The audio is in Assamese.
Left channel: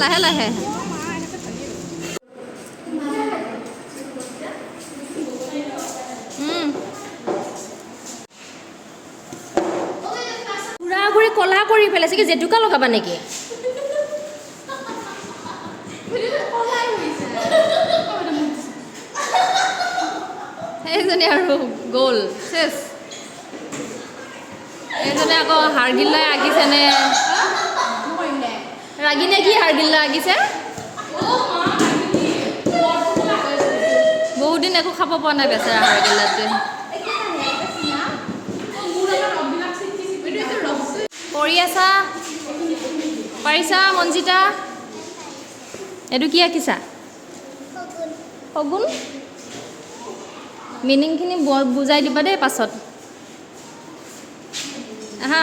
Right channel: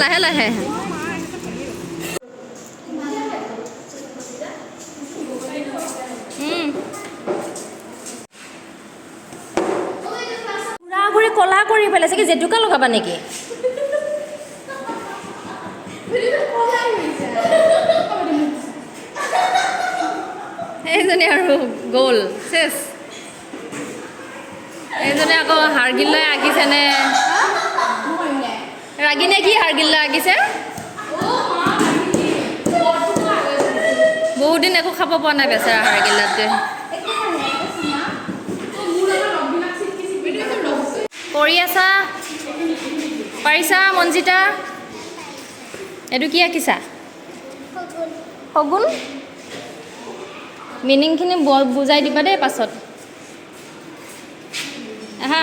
লাহে লাহে পুৰা ঘূৰি কলা কৰি পেলাইছে কি জেতুকা লগাবা নেকি এইজনী আৰু গ'ল চেছ এইজনী আকৌ হাৰগিল্লাই আঁকিছেনে ৰাগিনে কি হাৰগিল্লা আঁকিছে বহুত দিন একো খাব পোৱা নাই বেচেৰা হাৰগিল্লাটোৱে কৰি আছা পাৰিছা মঞ্জিতা এইটো কি আঁকিছা শগুন মিনিংখিনি বুজাই দিবা দেই পাছত আহা